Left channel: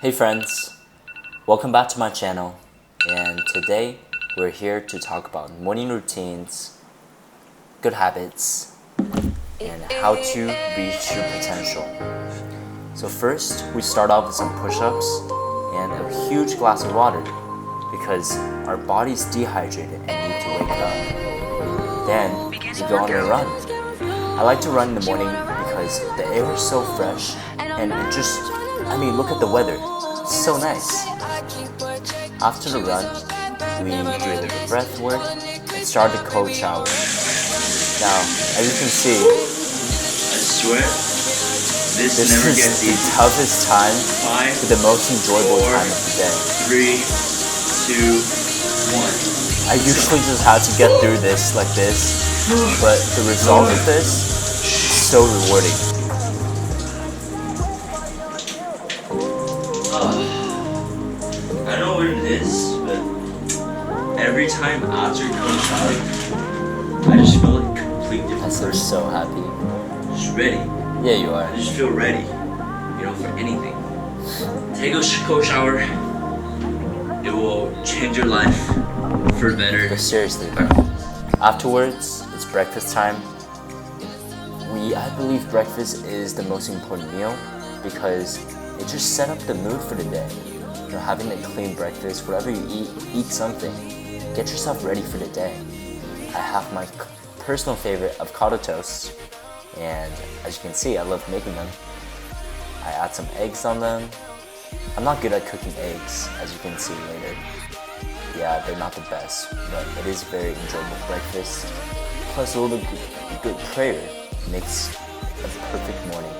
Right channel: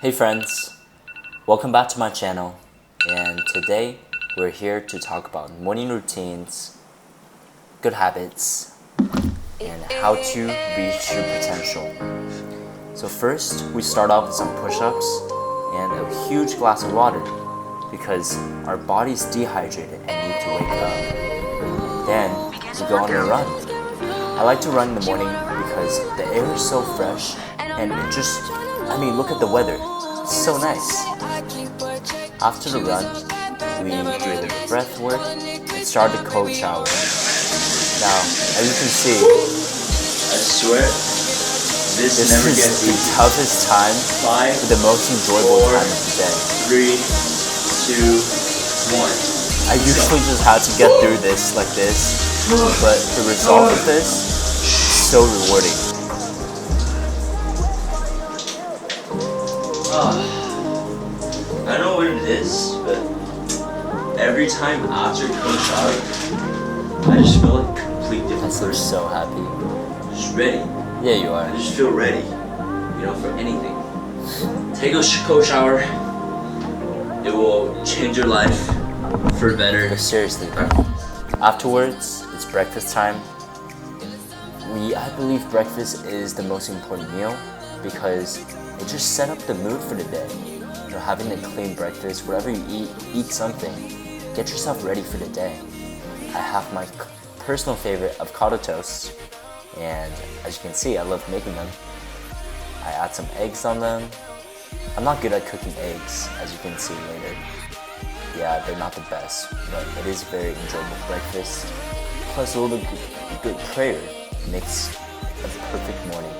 Hey friends, welcome back to my channel, and today we're here to talk about morning routines, good habits, and how to reach your potential. So first, we start off with some push-ups and a huge glass of water because our body's dehydrated and need to wake up. Then we go on a run. I like to run in the morning because the air is so fresh and look at the weather. It's so nice. After the run, we do a little breath work and start the cold shower. Now, as you can see, I swear, this never is gets the easy. toughest time, 5, but the most enjoyable 4, time of the day. 3, 2, 1. I usually just have to get through this like this, but the result of this is so rewarding. I don't know what it is, but every time after a cold shower, I just feel like a complete different I seem person. so happy. Just ready. Yeah, you are. I just feel ready, for anything. Take a cold shower. It will change your life for better. But seriously, bro. Afterwards, it's breakfast time. I believe breakfast is the most important meal because it just set up the mood for the day. Having a clean breakfast, whatever you eat something. Get yourself ready for the day. I have my personal favorite avocado toast, and as you can see, I love making them. I add some eggs on them. I'm not good at cooking eggs, as you can see later. Yeah, they're not the best, but it is a very enjoyable breakfast. Plus a little good prayer makes a perfect morning.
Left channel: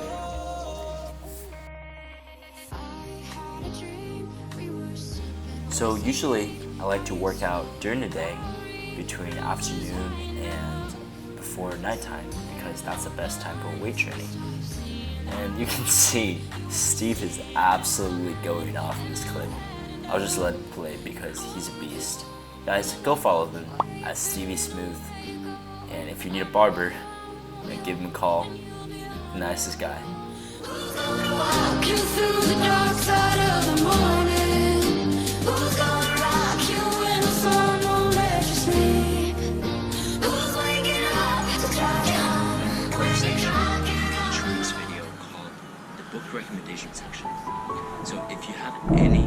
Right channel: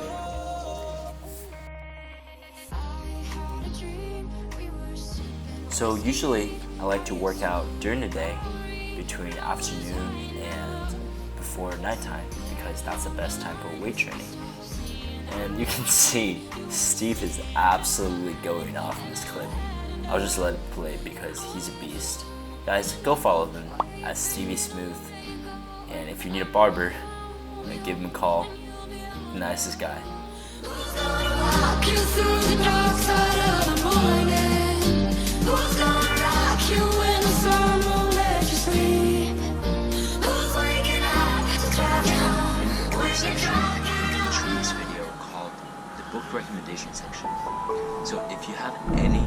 So usually I like to work out during the day between afternoon and before nighttime because that's the best time for weight training. And you can see Steve is absolutely going off in this clip. I'll just let it play because he's a beast. Guys, go follow him at Stevie Smooth. And if you need a barber, give him a call. The nicest guy. Section in each week's video called the book recommendation section. So if you have any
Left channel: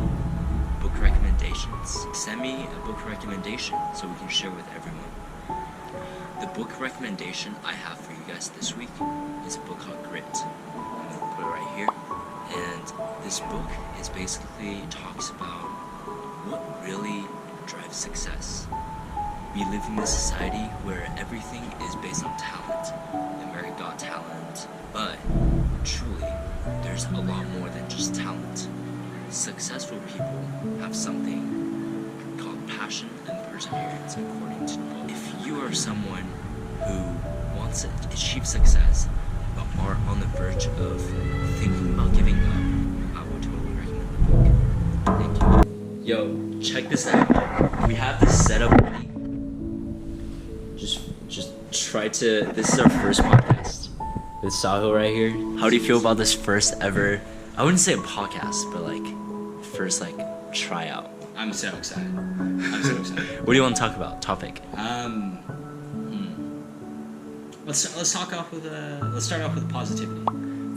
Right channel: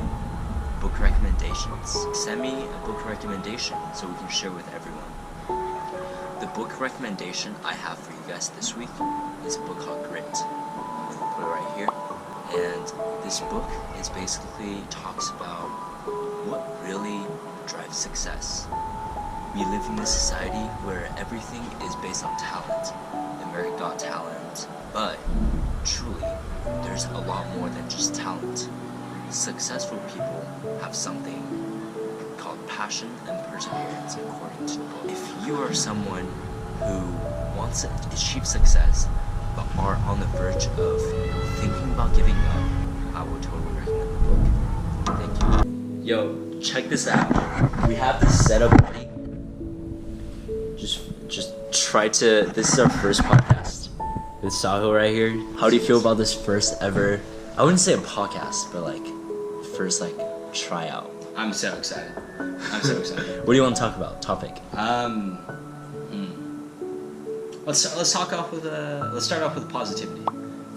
book recommendations, send me a book recommendation so we can share with everyone. The book recommendation I have for you guys this week is a book called Grit. I'm gonna put it right here. And this book is basically talks about what really drives success. We live in this society where everything is based on talent. America Got Talent, but truly, there's a lot more than just talent. Successful people have something called passion and perseverance, according to the book. If you are someone who wants to achieve success, but are on the verge of thinking about giving up, I would totally recommend the book. Thank you. Yo, check this out. We have this setup ready. Just try to. This is our first podcast with Sahil right here. How do you feel about this first ever? I wouldn't say a podcast, but first tryout. I'm so excited. What do you want to talk about? Topic. Let's start off with positivity.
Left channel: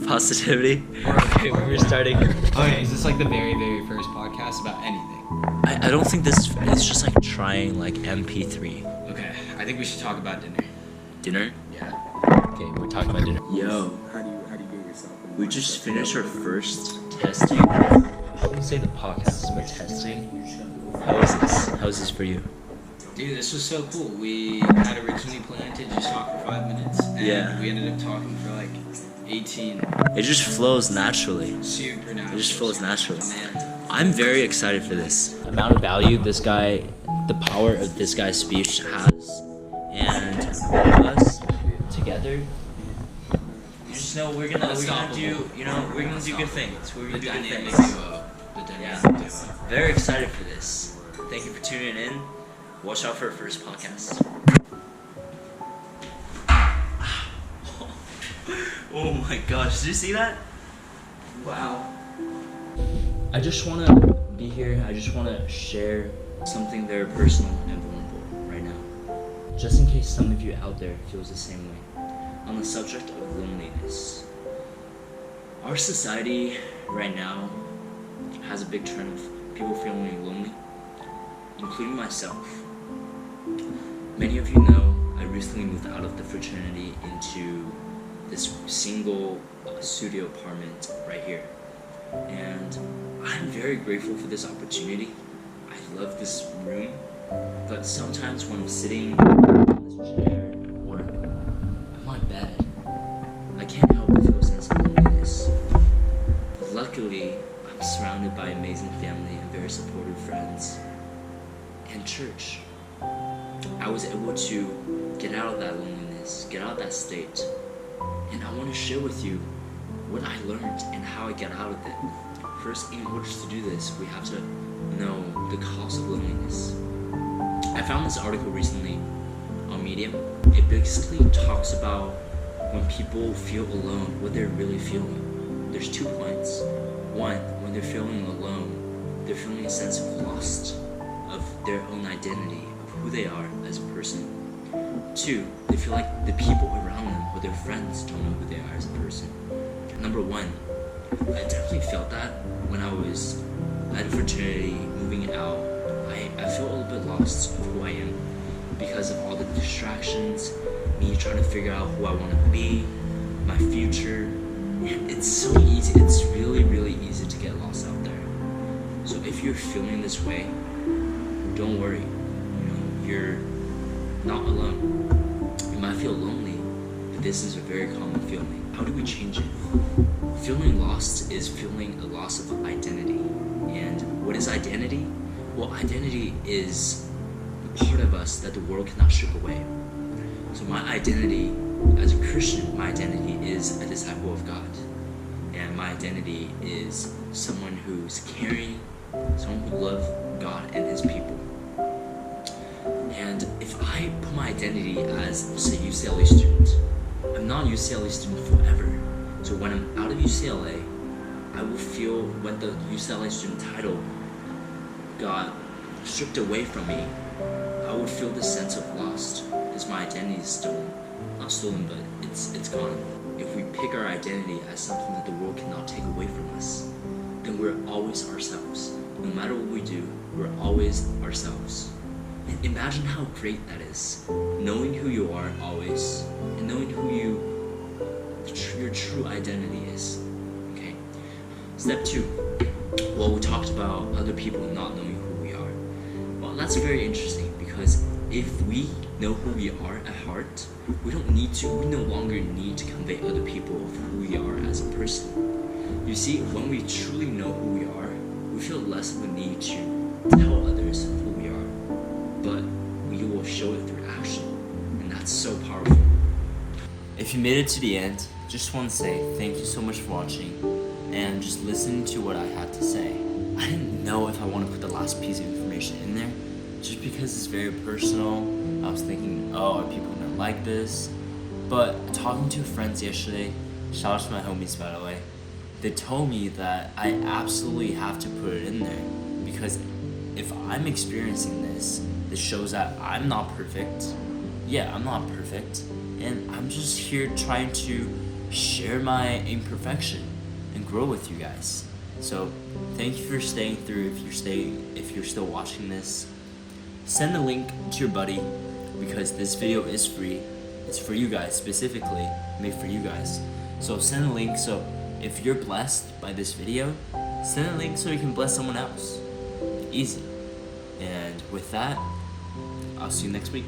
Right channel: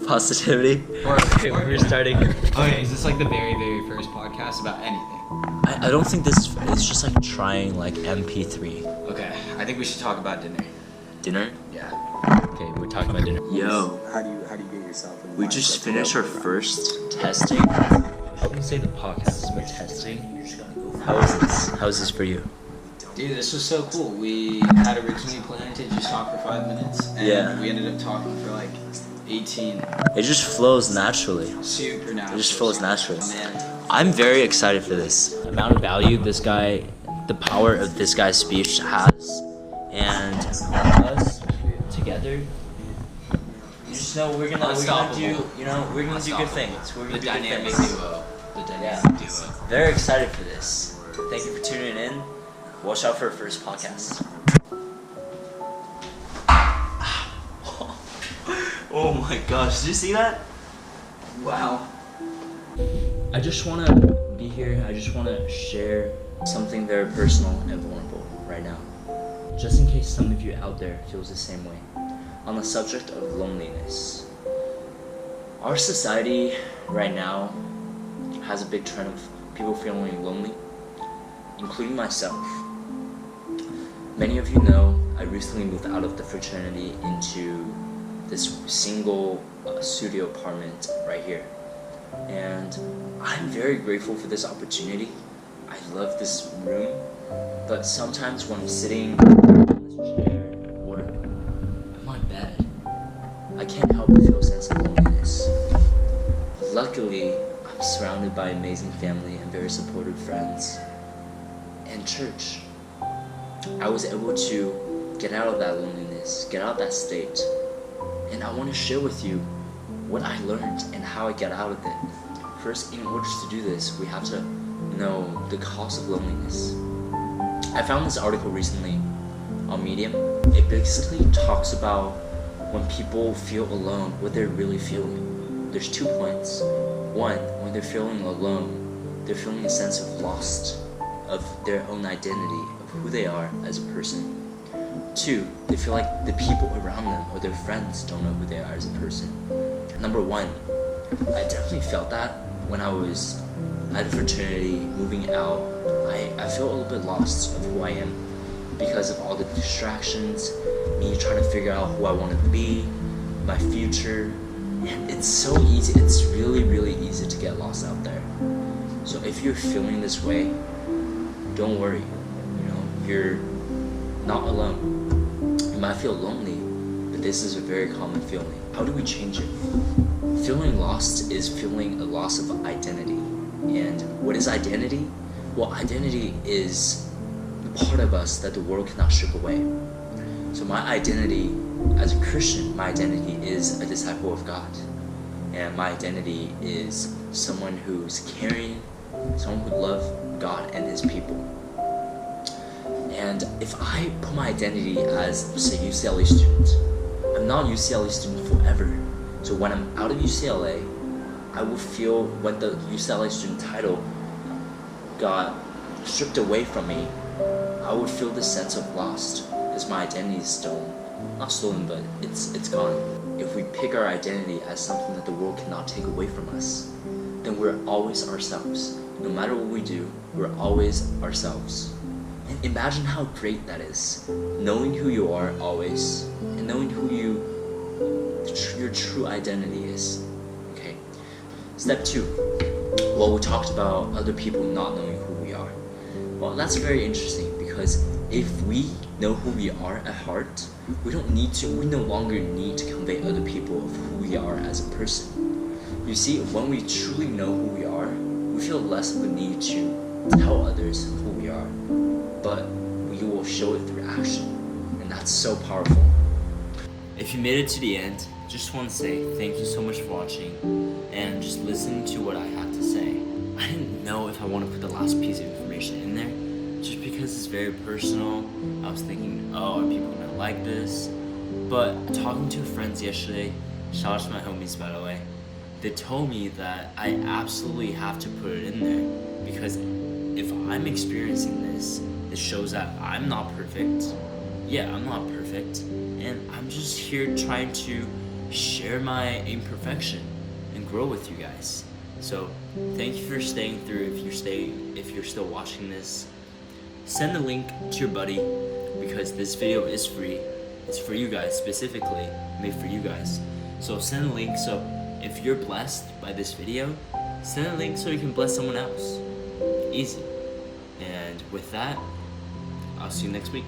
Positivity. Okay, we're starting. Okay, is this like the very, very first podcast about anything? I don't think this. It's just trying MP3. Okay, I think we should talk about dinner. Dinner. Yeah. Okay, we're talking about dinner. Yo, How do you get yourself in the we mindset just to finished go our for it? first Testing. I wouldn't say the podcast, but testing. How is this? How is this for you? Dude, this was so cool. We had originally planned to just talk for 5 minutes, and Yeah. we ended up talking for 18. It just flows naturally. Super natural. It just flows naturally. Man. I'm very excited for this. The amount of value the power of this guy's speech has, and us together. You just know we're gonna do good things. We're gonna The do good dynamic things. duo. Yeah. Duo. Very excited for this. Thank you for tuning in. Watch out for our first podcast. Oh my gosh, did you see that? Wow. I just want to be here. I just want to share something very personal and vulnerable right now, just in case some of you out there feels the same way, on the subject of loneliness. Our society right now has a big trend of people feeling lonely, including myself. Many of you know I recently moved out of the fraternity into this single studio apartment right here, and I'm very grateful for this opportunity. I love this room, but sometimes when I'm sitting on this chair or on my bed, I can't help but feel a sense of loneliness. Luckily, I'm surrounded by amazing family and very supportive friends and church. I was able to get out of that loneliness, get out of that state, and I want to share with you what I learned and how I got out of it. First, in order to do this, we have to know the cause of loneliness. I found this article recently on Medium. It basically talks about when people feel alone, what they're really feeling. There's 2 points. One, when they're feeling alone, they're feeling a sense of lost of their own identity, of who they are as a person. 2, they feel like the people around them or their friends don't know who they are as a person. Number 1, I definitely felt that when I was at a fraternity, moving out. I feel a little bit lost of who I am because of all the distractions, me trying to figure out who I want to be, my future. And it's so easy, it's really, really easy to get lost out there. So if you're feeling this way, don't worry, you're not alone. You might feel lonely, but this is a very common feeling. How do we change it? Feeling lost is feeling a loss of identity. And what is identity? Well, identity is the part of us that the world cannot strip away. So my identity as a Christian, my identity is a disciple of God. And my identity is someone who's caring, someone who loves God and his people. And if I put my identity as, say, UCLA student, I'm not a UCLA student forever. So when I'm out of UCLA, I will feel when the UCLA student title got stripped away from me, I would feel this sense of lost because my identity is stolen. Not stolen, but it's gone. If we pick our identity as something that the world cannot take away from us, then we're always ourselves. No matter what we do, we're always ourselves. And imagine how great that is, knowing who you are always, and knowing who your true identity is. Okay. Step 2. Well, we talked about other people not knowing who we are. Well, that's very interesting because if we know who we are at heart, we no longer need to convey other people of who we are as a person. You see, when we truly know who we are, we feel less of a need to tell others who we are, but we will show it through action, and that's so powerful. If you made it to the end, just want to say thank you so much for watching and just listening to what I had to say. I didn't know if I want to put the last piece of information in there, just because it's very personal. I was thinking, are people gonna like this? But talking to friends yesterday, shout out to my homies by the way, they told me that I absolutely have to put it in there because if I'm experiencing this shows that I'm not perfect. Yeah, I'm not perfect, and I'm just here trying to share my imperfection and grow with you guys. So thank you for staying through. If you're still watching this, send the link to your buddy because this video is free. It's for you guys, specifically made for you guys. So send a link. So if you're blessed by this video, send a link so you can bless someone else. Easy. And with that, I'll see you next week.